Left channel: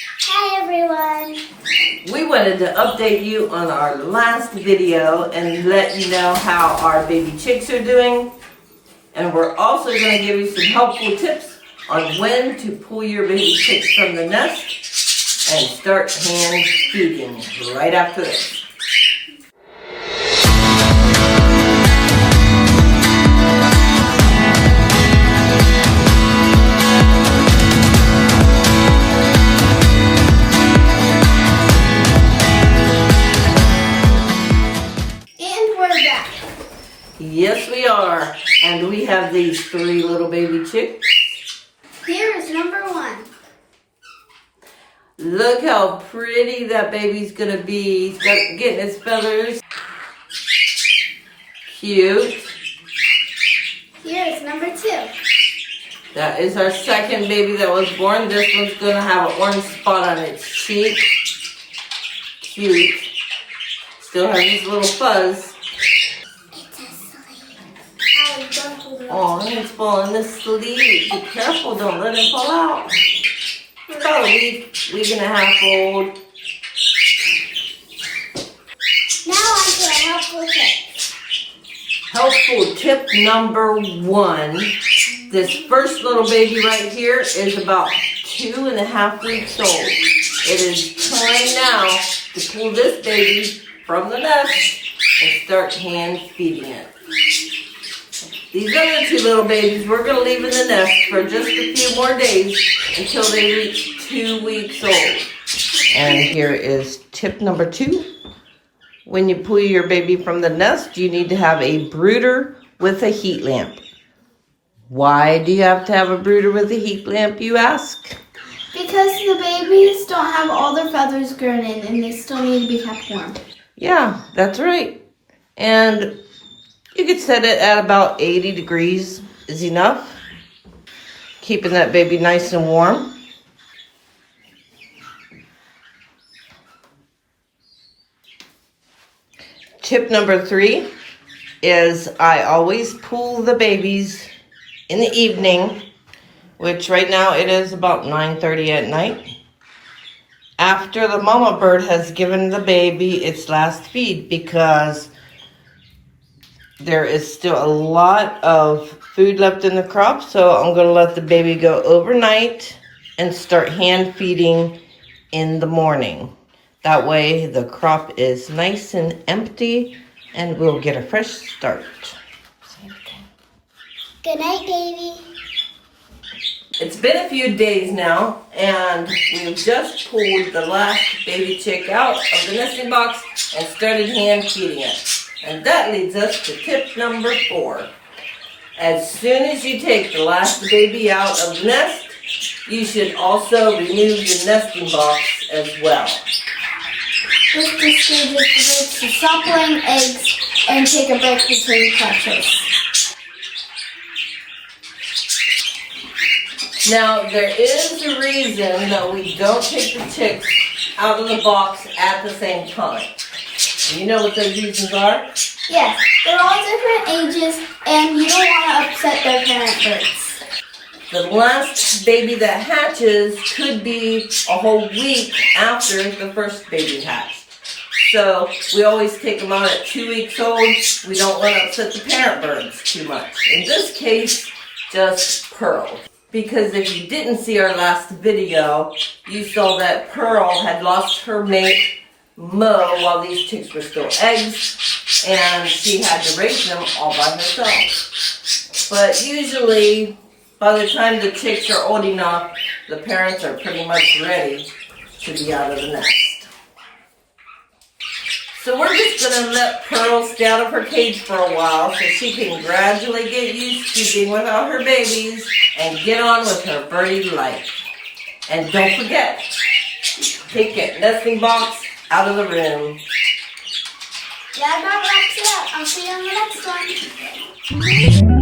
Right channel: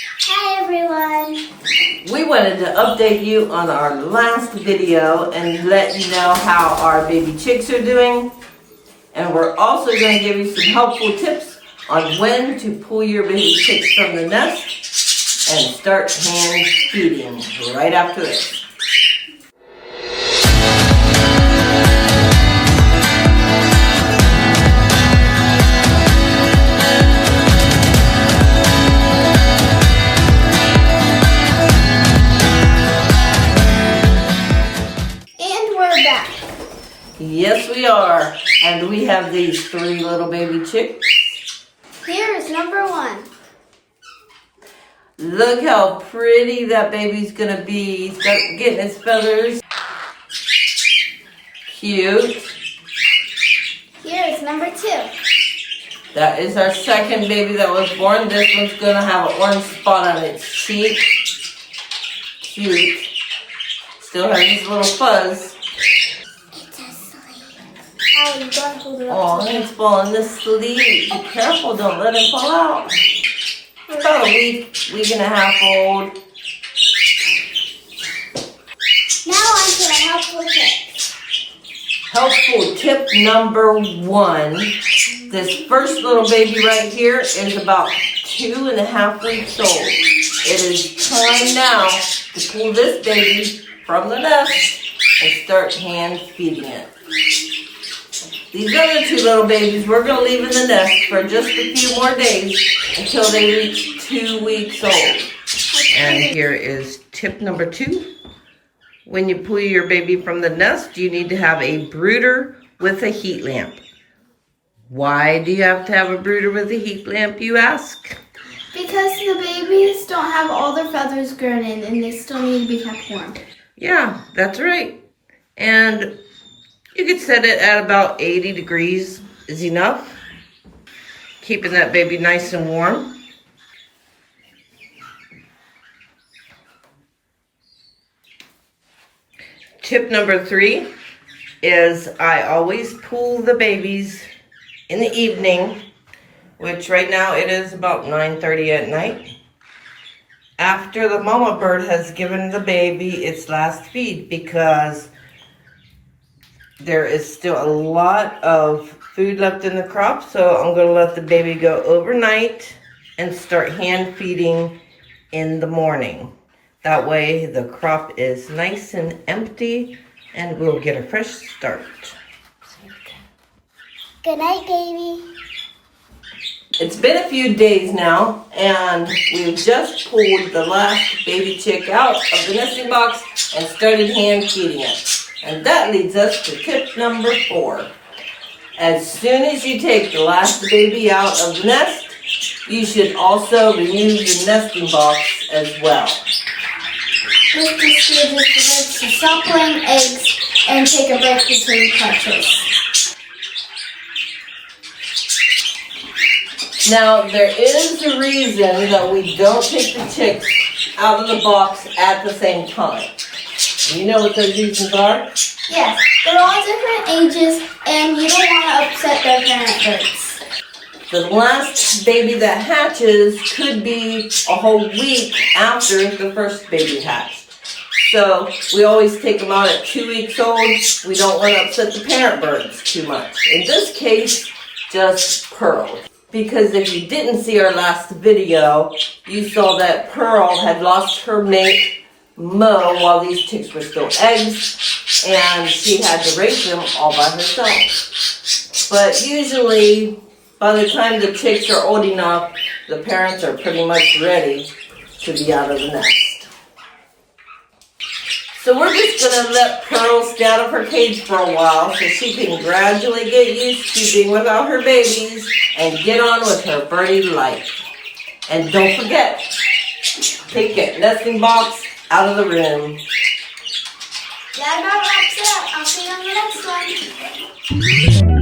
Hi everyone. We wanted to update you on our last video and let you know how our baby chicks are doing. And we're also going to give you some helpful tips on when to pull your baby chicks from the nest and start hand feeding right after this. Yes, we are. And we have these 3 little baby chicks. Here is number 1. Look how pretty that baby's gonna be. Start getting its feathers. Cute. Here is number 2. That is our second baby that was born. This one's gonna have an orange spot on its cheek. Cute. Still has this little fuzz. Oh, he's falling asleep. Be careful, don't let him fall out. It's about a week and a half old. Now on to a helpful tip. Helpful tip number 1. This first little baby right here is about 2.5 weeks old. It is time now to pull this baby from the nest and start hand feeding it. These other 2 little babies we're going to leave in the nest for just a few more days until they reach 2 weeks old. And here is tip number 2. When you pull your baby from the nest, you need to have a brooder with a heat lamp. Why do you have to have a brooder with a heat lamp, you ask? Because the babies don't have all their feathers grown in and they still need to be kept warm. Yeah, that's right. And you could set it at about 80 degrees is enough. Keeping that baby nice and warm. Tip number 3 is I always pull the babies in the evening, which right now it is about 9:30 at night, after the mama bird has given the baby its last feed, because there is still a lot of food left in the crop, so I'm going to let the baby go overnight and start hand feeding in the morning. That way the crop is nice and empty and we'll get a fresh start. Good night, baby. It's been a few days now and we've just pulled the last baby chick out of the nesting box and started hand feeding it. And that leads us to tip number 4. As soon as you take the last baby out of the nest, you should also remove the nesting box as well. This procedure prevents to stop laying eggs and take a break between clutches. Now, there is a reason that we don't take the chicks out of the box at the same time. You know what those reasons are? Yes, they're all different ages and you don't want to upset their parent birds. The last baby that hatches could be a whole week after the first baby hatched. So we always take them out at 2 weeks old. We don't want to upset the parent birds too much. In this case, just Pearl. Because if you didn't see our last video, you saw that Pearl had lost her mate, Mo, while these chicks were still eggs, and she had to raise them all by herself. But usually, by the time the chicks are old enough, the parents are pretty much ready to be out of the nest. So we're just going to let Pearl stay out of her cage for a while so she can gradually get used to being without her babies and get on with her birdie life. And don't forget, take that nesting box out of the room. Yeah, that wraps it up. I'll see you on the next one.